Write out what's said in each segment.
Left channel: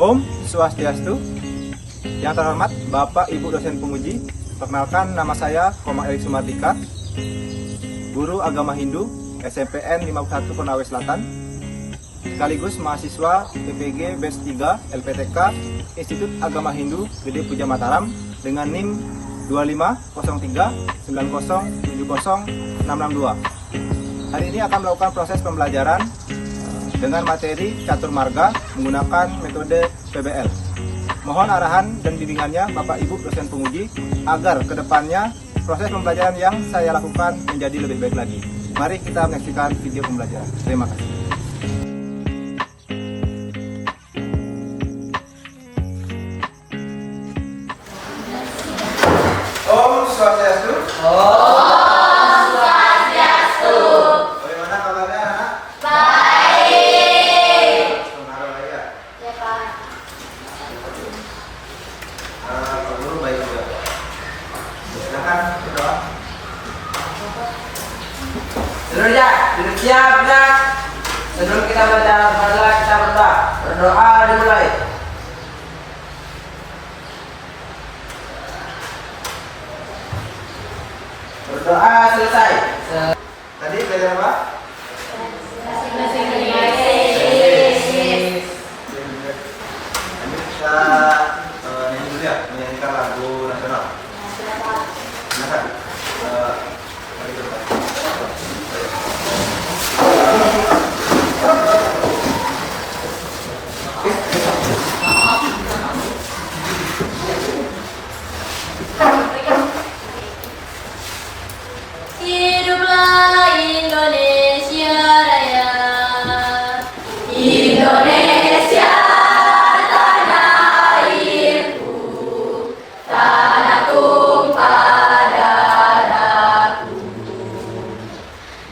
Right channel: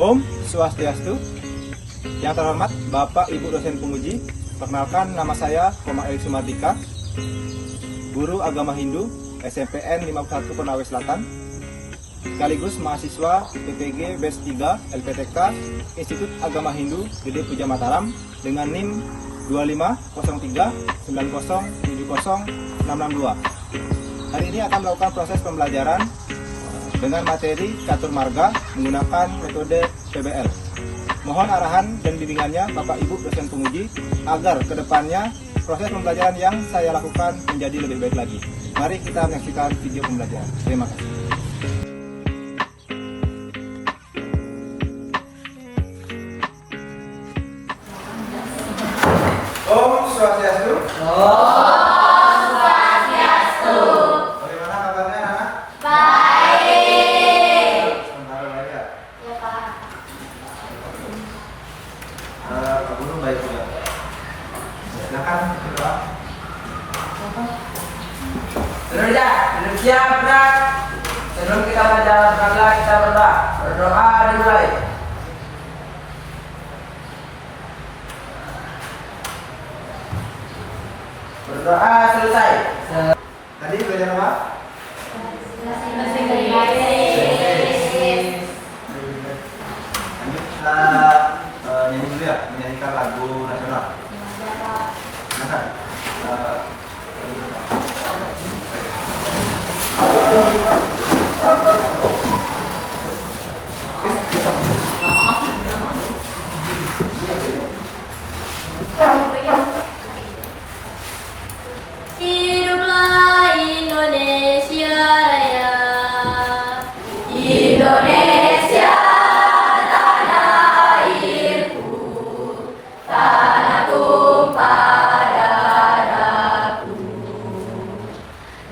Om Swastiastu. Yang terhormat Bapak Ibu dosen penguji, perkenalkan nama saya Komang Erik Sumardika, guru agama Hindu SMPN 51 Konawe Selatan, sekaligus mahasiswa PPG Batch 3 LPTK Institut Agama Hindu Gede Puja Mataram dengan NIM 250390706662. Hari ini akan melakukan proses pembelajaran dengan materi catur marga menggunakan metode PBL. Mohon arahan dan bimbingannya Bapak Ibu dosen penguji agar kedepannya proses pembelajaran yang saya lakukan menjadi lebih baik lagi. Mari kita menyaksikan video pembelajaran. Terima kasih. Om Swastiastu. Bagaimana kabarnya anak? Kamu baik juga. Silakan berdoa. Duduk siap ya. Sebelum kita berdoa, kita berdoa. Berdoa dimulai. Berdoa selesai. Tadi belajar apa? Ini kita nyanyi dulu ya, menyanyikan lagu nasional. Silakan. Hiduplah Indonesia Raya. Indonesia tanah airku, tanah tumpah darahku.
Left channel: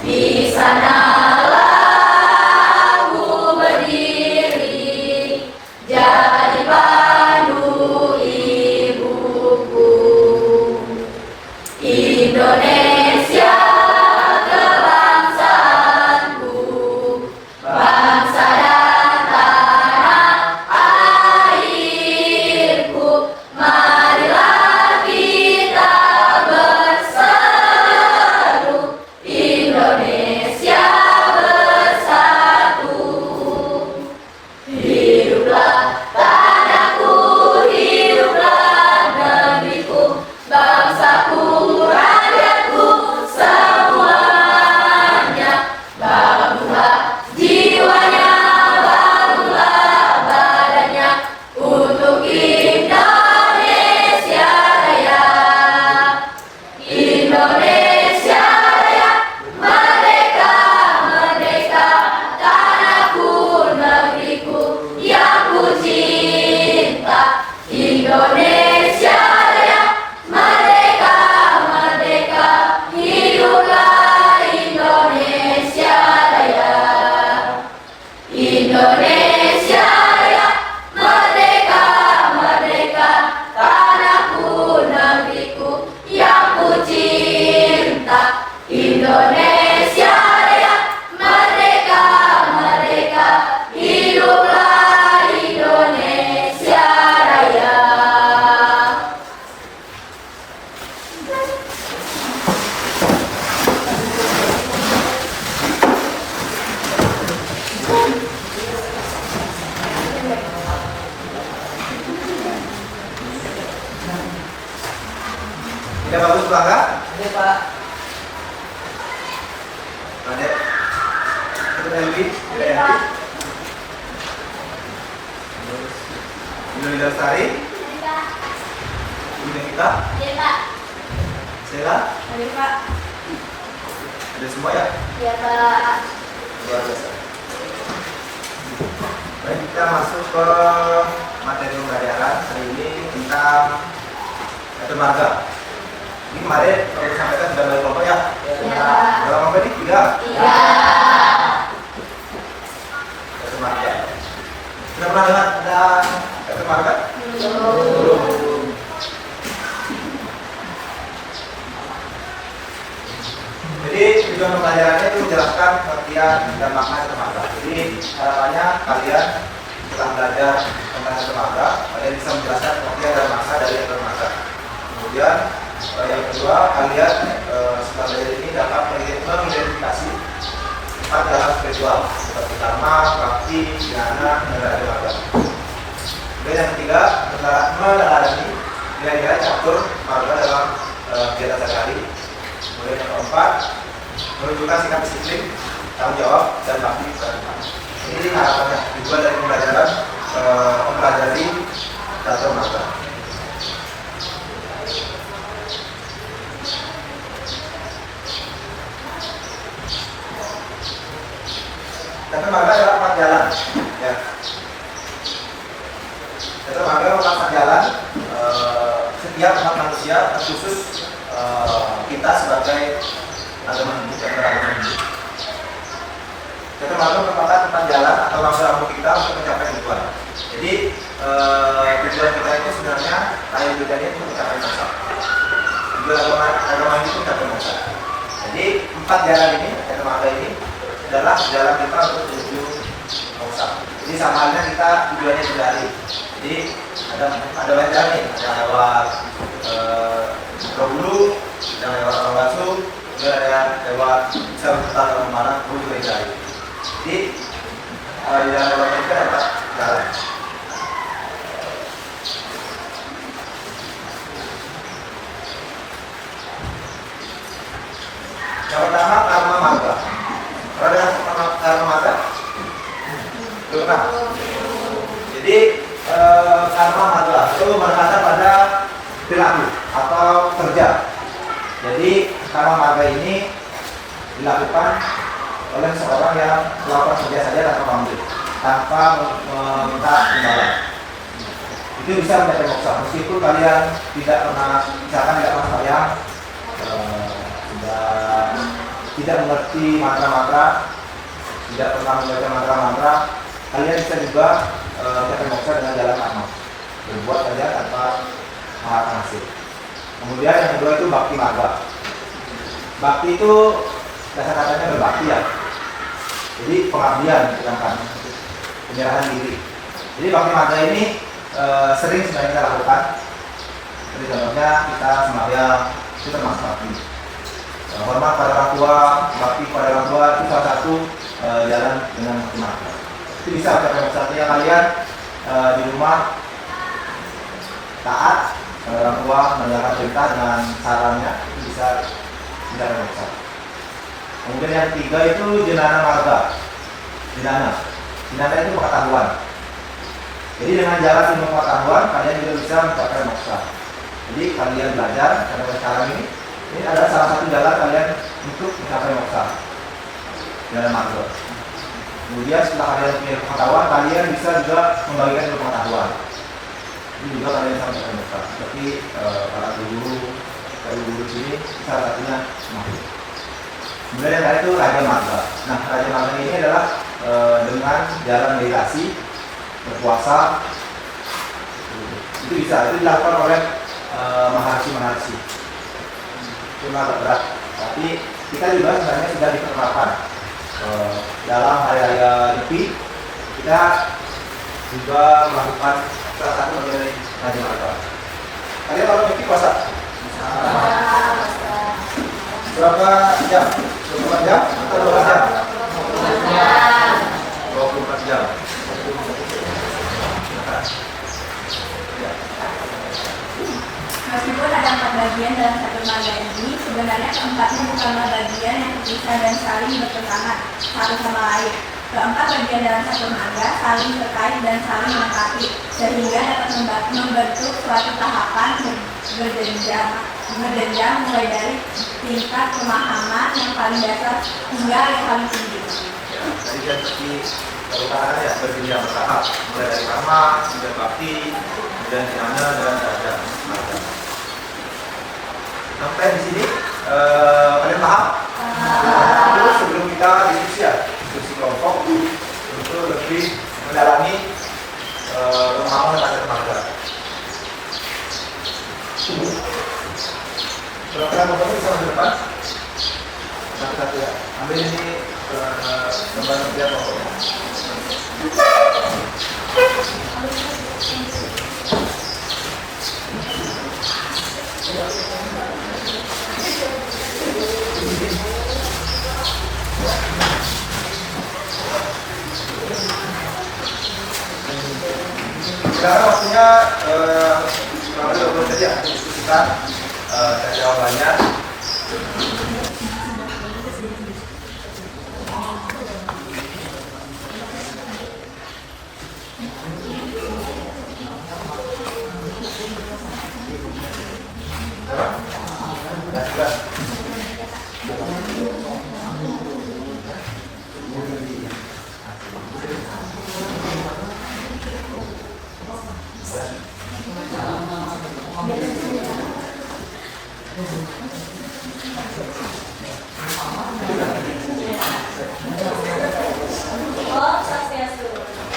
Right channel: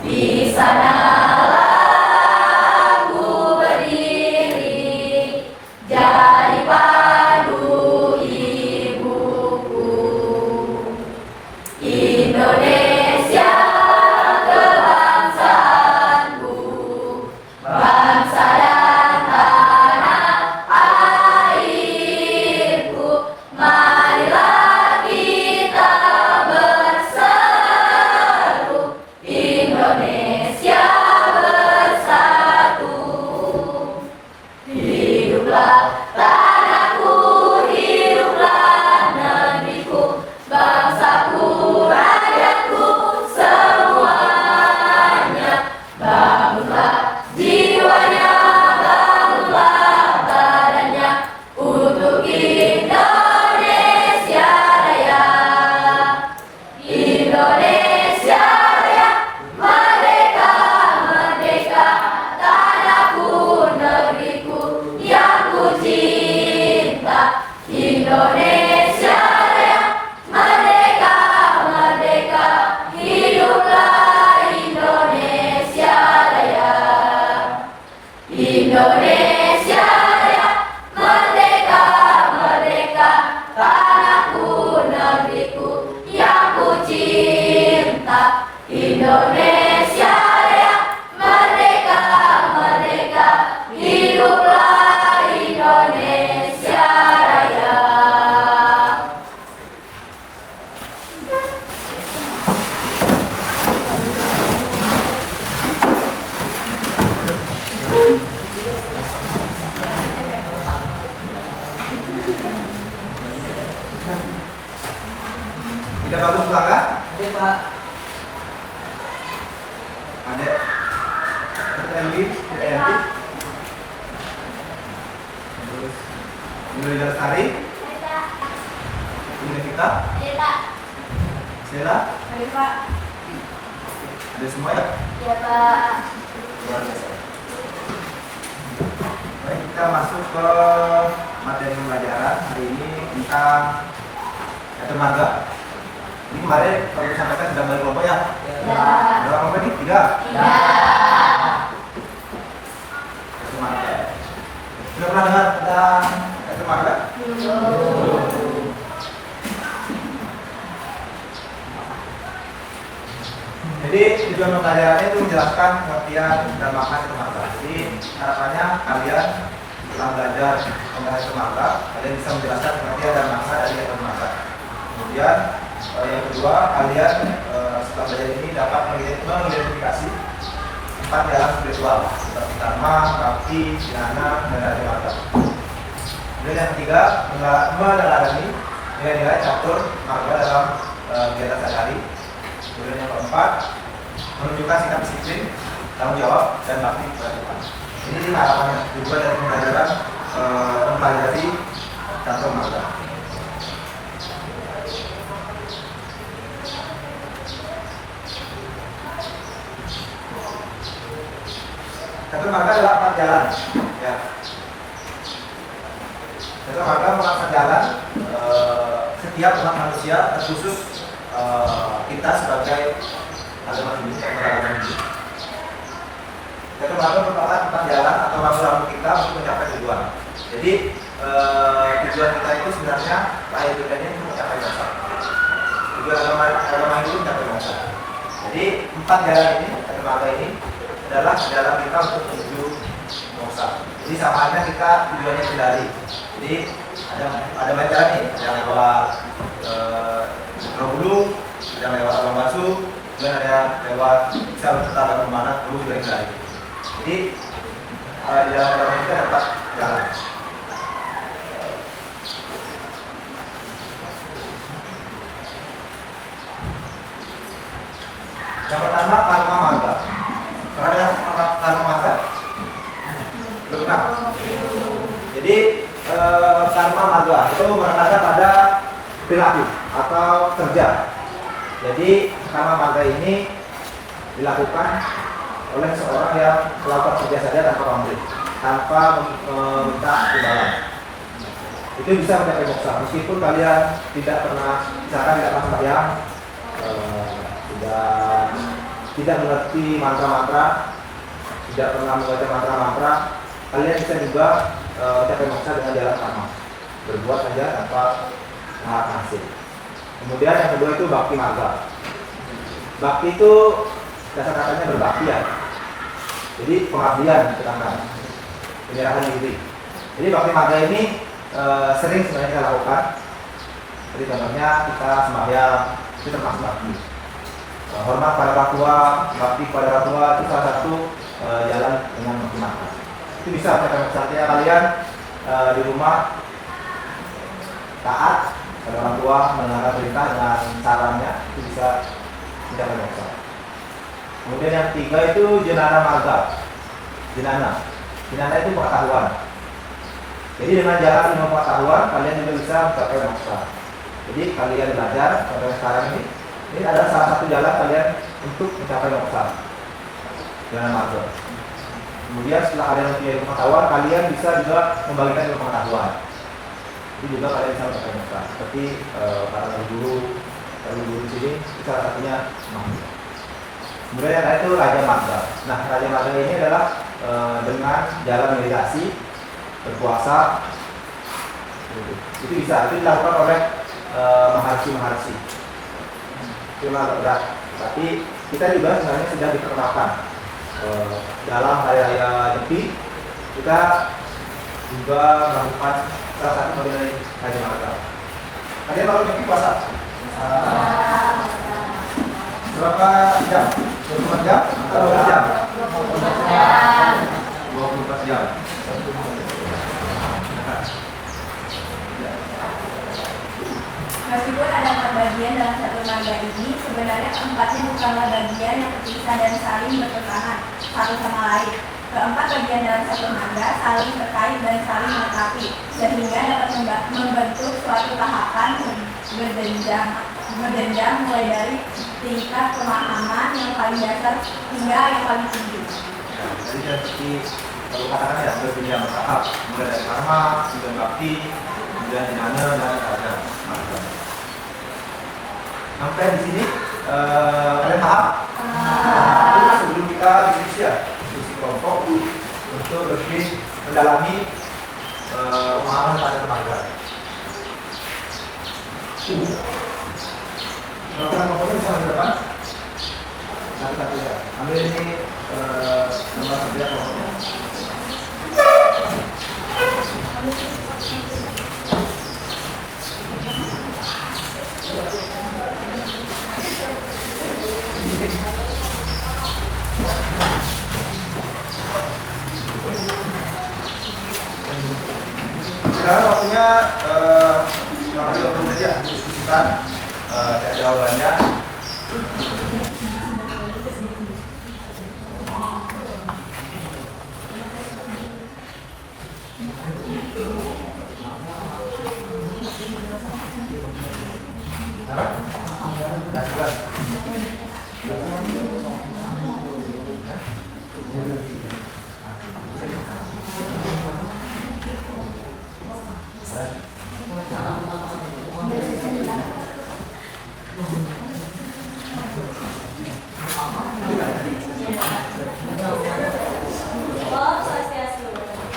Di sanalah aku berdiri, jadi pandu ibuku. Indonesia kebangsaanku, bangsa dan tanah airku. Marilah kita berseru, Indonesia bersatu. Hiduplah tanahku, hiduplah negeriku, bangsaku, rakyatku, semuanya. Bangunlah jiwanya, bangunlah badannya untuk Indonesia Raya. Indonesia Raya, merdeka, merdeka, tanahku, negeriku yang ku cinta. Indonesia Raya, merdeka, merdeka, hiduplah Indonesia Raya. Indonesia Raya, merdeka, merdeka, tanahku, negeriku yang ku cinta. Indonesia Raya, merdeka, merdeka, hiduplah Indonesia Raya. Tidak bagus belakang? Oke Pak. Adek. Itu Elvi, tidak Elvi. Terus Indonesia Lestari. Kemudian kita. Sela. Ada semua ya? Ya Pak. Luar biasa. Baik, kita masuk ke materi pembelajaran hari ini tentang catur marga. Ini kemarin aku sampaikan sudah bagi kelompok ya? Ya. Berapa kelompok ini? 3. Ya. Catur marga. Sudah pernah dengar tentang catur marga? Belum. Jadi tujuan pembelajarannya itu menjelaskan pengertian dan makna catur marga. Jadi harapannya kalian setelah belajar tentang dermaga, kalian bisa menjelaskan pengertian dan makna dari dermaga. Kemudian yang kedua, kalian setelah belajar ini dapat mengidentifikasi 4 jalan spiritual seperti karma, bakti, dhyana, dan dermaga. Kemudian yang ketiga, meneladani nilai-nilai catur marga dalam kegiatan sehari-hari. Kemudian yang keempat, menunjukkan sikap disiplin, tanggung jawab, dan bakti kepada Tuhan. Ini sih harapannya, tujuan dari pembelajaran mempelajari catur marga. Catur marga adalah 4 jalan, ya. Catur marga merupakan 4 jalan setiap umat manusia, terkhusus kita sebagai agama Hindu, Catur marga merupakan 4 jalan atau rambu-rambu kita untuk mencapai tujuan. Jadi tujuan kita itu sebenarnya lahir bedanya untuk mencapai moksa. Tujuan agama Hindu mencapai moksa. Jadi 4 jalan ini, catur marga ini adalah jalan kita untuk menuju moksa. Jadi sama halnya kita tujuannya sendiri. Jadi ada banyak jalan nih, ada lewat Bulu, ada lewat Rambasu, juga ada lewat bisa berputar ke mana, Bulu juga dicari. Jadi di dalam agama kita dapat jalan. Yang pertama karma marga. Pernah dengar karma marga? Belum pernah. Jadi karma marga itu menekankan pada perilaku atau kerja. Jadi karma marga ini dilakukan oleh seorang yang melakukan kerja saja tanpa pamrih, tanpa meminta imbalan. Itu bisa mencapai moksa meskipun kalian tidak pernah, misalkan tidak pernah sembahyang, tidak mengerti mantra-mantra, tidak pernah membaca mantra-mantra, kalian bisa juga mencapai moksa dengan jalan karma, berbuat saja tanpa harap hasil. Kemudian yang kedua itu bakti marga. Bakti itu dasar katanya berbakti, ya. Jadi pengabdian, sedangkan penyerahan diri. Jadi bakti marga ini sering sebenarnya kita lakukan. Seperti contohnya kita sembahyang, itu termasuk bakti. Hormat pada orang tua, bakti pada orang tua itu salah satu jalan dengan bakti marga. Itu bisa karena misalnya kalian di rumah taat pada orang tua, menjalankan perintah dengan sarannya, itu bisa mencapai moksa. Kemudian yang ketiga itu jenana marga. Jenana itu pengetahuan. Jadi dengan jalan ilmu pengetahuan kalian juga bisa mencapai moksa. Jadi kalian belajar sampai sekarang ini adalah salah satu jalan kalian untuk mencapai moksa. Jenana marga. Kemudian setelah kalian punya ilmu pengetahuan, kalian bisa juga membagikan ilmu pengetahuan. Ini juga kalian bisa mencapai moksa. Seperti para guru sini salah satunya semacam. Kemudian yang lain itu Raja Marga. Nah, Raja Marga ini adalah dengan jalan meditasi, berpuasa, itu bisa, itu dilakukan oleh Maharshi. Itu agak berat, tapi kita juga sebenarnya sudah diperkenalkan dalam hari-hari Nyepi. Kita juga melakukan salah satu bagian dari Raja Marga. Kalian kalau Nyepi puasa? Berapa jam? 24 jam atau 12 jam? 24 jam. Meskipun ada 4 bagian dalam catur marga ini, sebenarnya keempatnya bukanlah bagian yang terpisah dan saling bertentangan satu sama lain. Keempat bagian dalam catur marga saling terkait dan saling melengkapi, sehingga dapat membentuk suatu tahapan berjenjang mulai dari tingkat pemahaman yang paling dasar hingga yang paling tinggi. Ya, jadi seperti kalau katakan ya berjenjang bertahap, mulai dari karma, kemudian bakti, kemudian dhyana dan raja marga. Sampai di sini kalian paham? Terus sebelum kita diskusi kelompok untuk lebih mendalami pemahaman tentang marga. Program motornya bisa ke depan. Satu-satu ya. Ambil ini gambar kerja kelompoknya. Sekarang waktunya kurang lebih 20 menit ya untuk diskusikan jawabannya.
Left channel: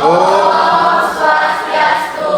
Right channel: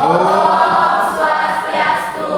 Om Swastiastu.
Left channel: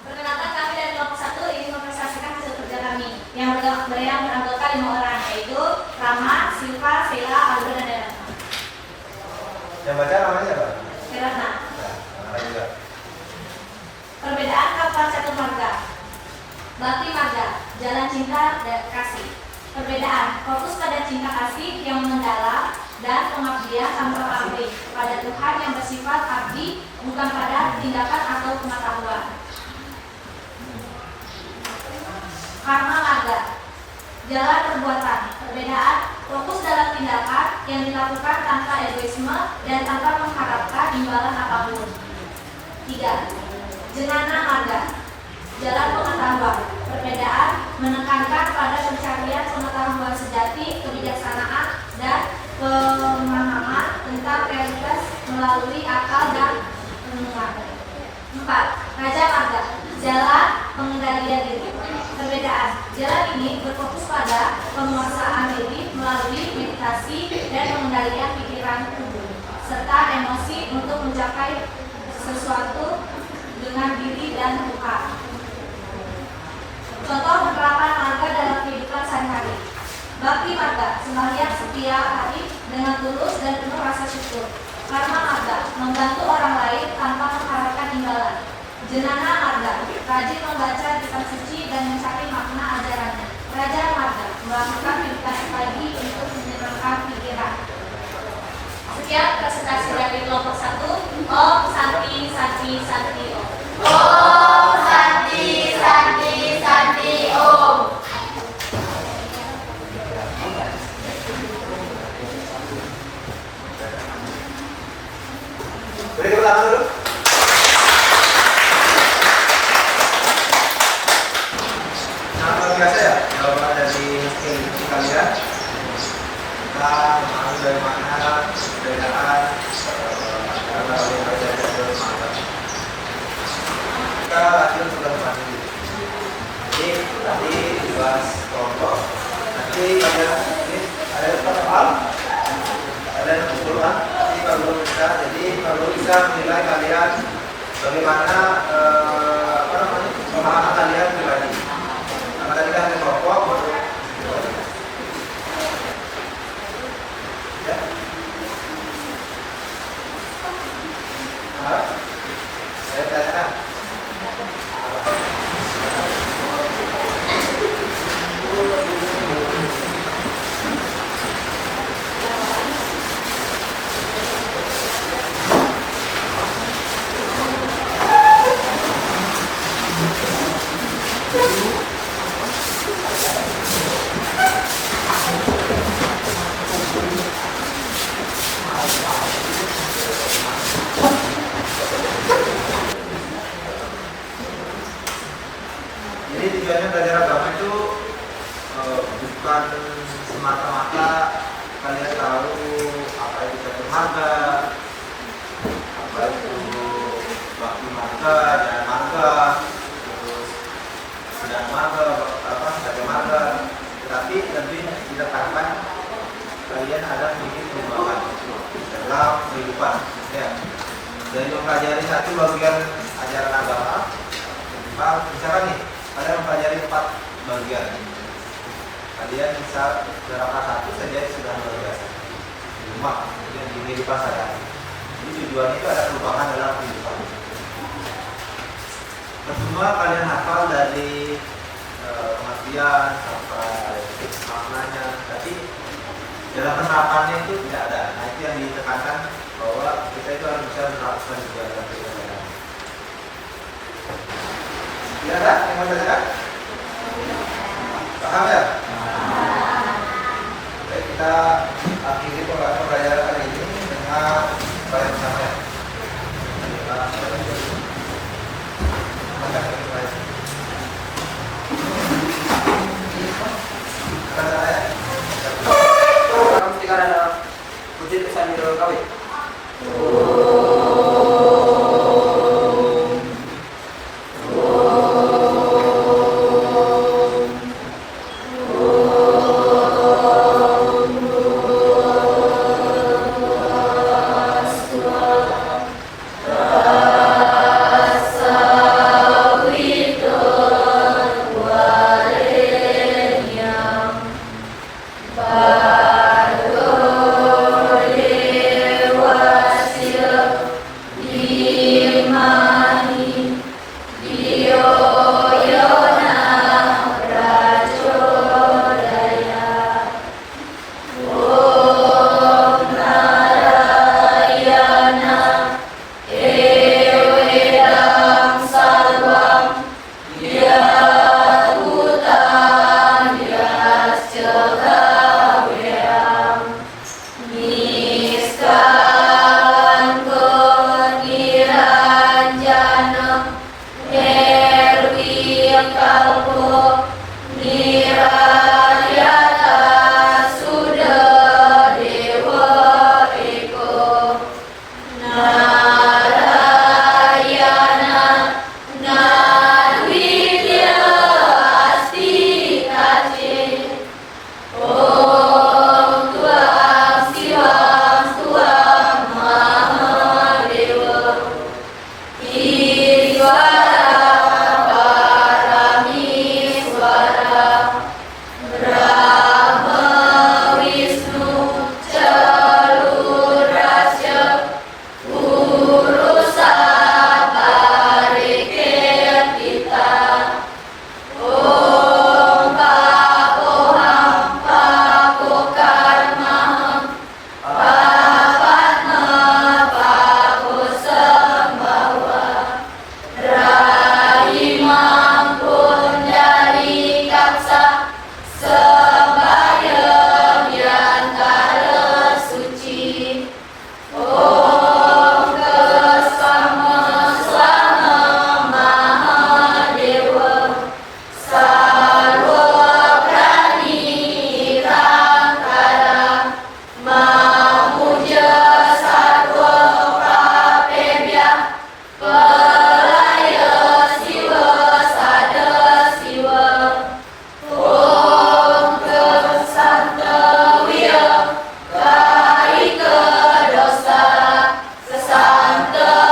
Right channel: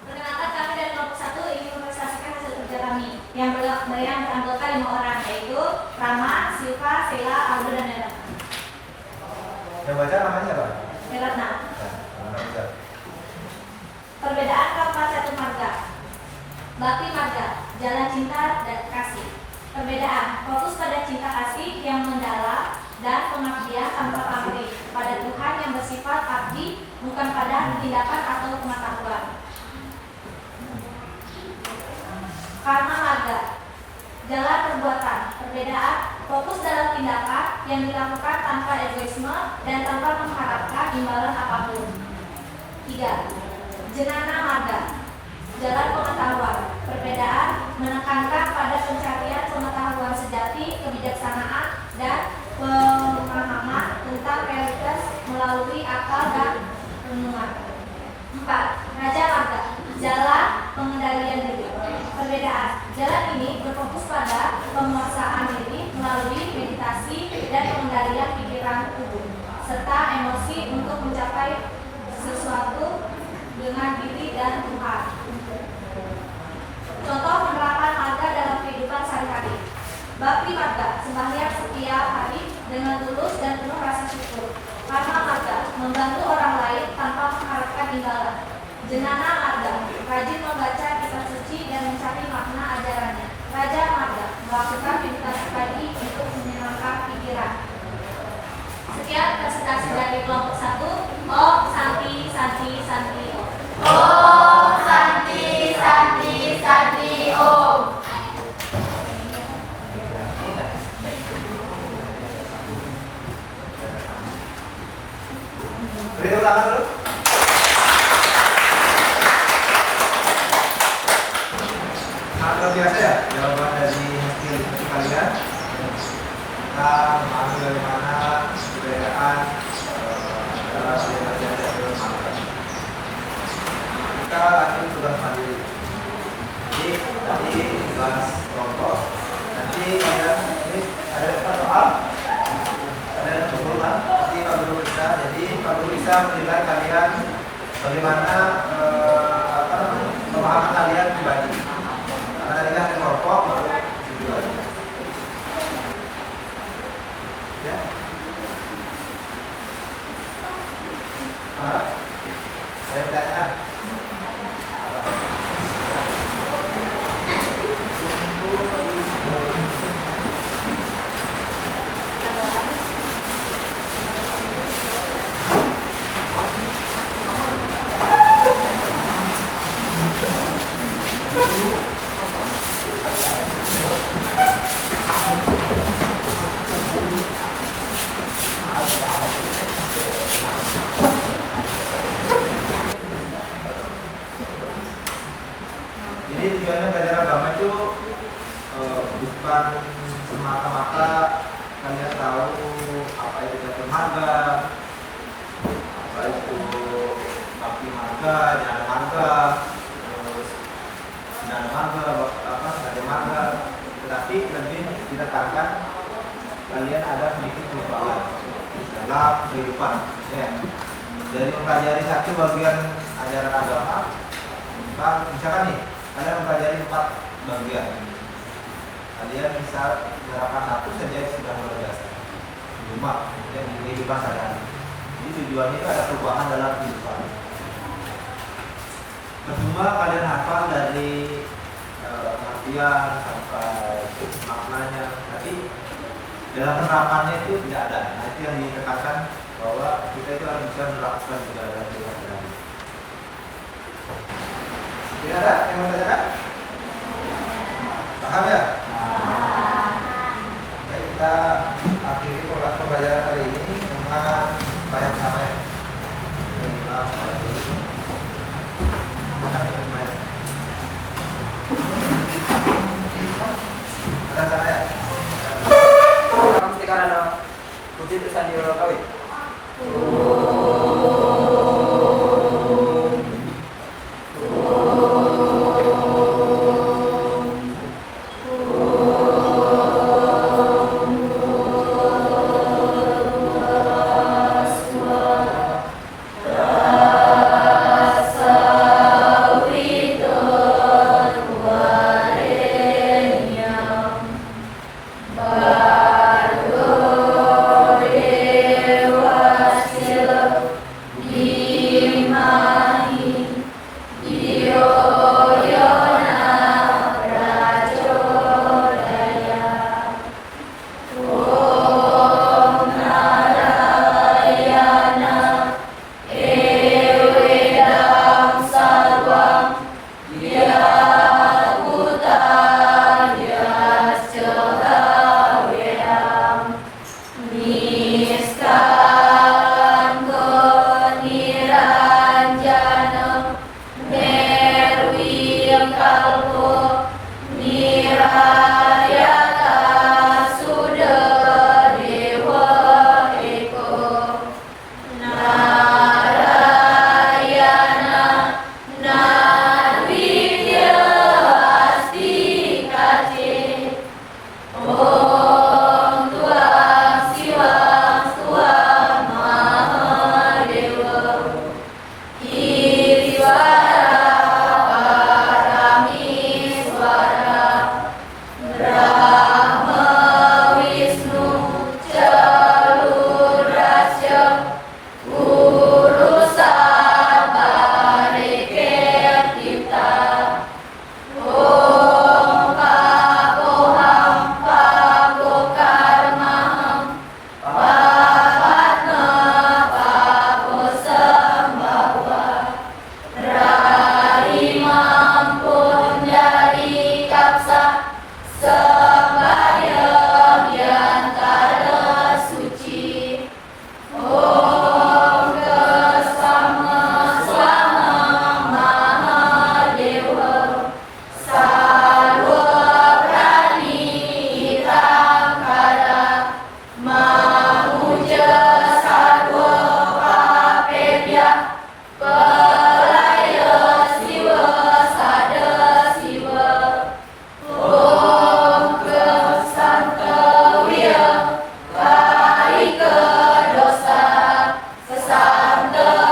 Perkenalkan, kami dari kelompok 1 ingin mempresentasikan hasil kerja kami yang beranggota 5 orang, yaitu Rama, Silva, Sela, Aldo, dan Neratna. Yang baca namanya apa? Neratna. Nama juga. Perbedaan kapal Catur Marga. Bakti Marga, jalan cinta dan kasih. Perbedaan, fokus pada cinta kasih yang mendalam dan pengabdian tanpa pamrih pada Tuhan yang bersifat abdi, bukan pada tindakan atau pengetahuan. Karma Marga, jalan perbuatan. Perbedaan, fokus dalam tindakan yang dilakukan tanpa egoisme dan tanpa mengharapkan imbalan apapun. 3. Jenana Marga, jalan pengetahuan. Perbedaan, menekankan pada pencarian pengetahuan sejati, kebijaksanaan, dan pemahaman tentang realitas melalui akal dan renungan. 4. Raja Marga, jalan pengendalian diri. Perbedaan, jalan ini berfokus pada penguasaan diri melalui meditasi dan pengendalian pikiran tubuh serta emosi untuk mencapai sesuatu dengan diri dan Tuhan. Contoh penerapan marga dalam kehidupan sehari-hari. Bakti Marga, sembahyang setiap hari dengan tulus dan penuh rasa syukur. Karma Marga, membantu orang lain tanpa mengharapkan imbalan. Jenana Marga, rajin membaca kitab suci dan mencari makna ajarannya. Raja Marga, melakukan meditasi pagi untuk menyenangkan pikiran. Sekian presentasi dari kelompok 1. Om Santi Santi Santi Om. Om Santi Santi Santi Om. Boleh tepuk tangan dulu. Sangat luar biasa ya jawaban dari hasil diskusi kalian. Kita memahami bagaimana perbedaan antara belajar dan bermagang. Kita latihan tugas mandiri. Jadi nanti tugas kelompok. Nanti kalian ini ada soal, ada kesimpulan. Jadi kalau bisa menilai kalian bagaimana pemahaman kalian pribadi. Karena tadi kan kelompok baru ya. Saya tanya apa? Jadi tujuannya belajar agama itu bukan semata-mata kalian tahu apa itu catur marga, apa itu bakti marga, jalan marga, terus sedang marga, sengaja marga, tetapi lebih ditekankan kalian ada sedikit perubahan dalam kehidupan. Ya. Dari mempelajari satu bagian ajaran agama, misalkan nih kalian mempelajari 4 bagian, kalian bisa menerapkan satu saja sudah luar biasa. Cuma kemudian di kehidupan sehari-hari. Jadi tujuan itu ada perubahan dalam kehidupan. Percuma kalian hafal dari pengertian sampai maknanya, tapi dalam penerapannya itu tidak ada. Nah, itu yang ditekankan bahwa kita itu harus bisa menerapkan juga dalam kehidupan. Tidak ada yang mau dikatakan? Paham ya? Baik, kita akhiri pembelajaran kali ini dengan bayar bersama ya. Akan sana ya? Orang mesti karena ada puji sambil kawin. Sesanta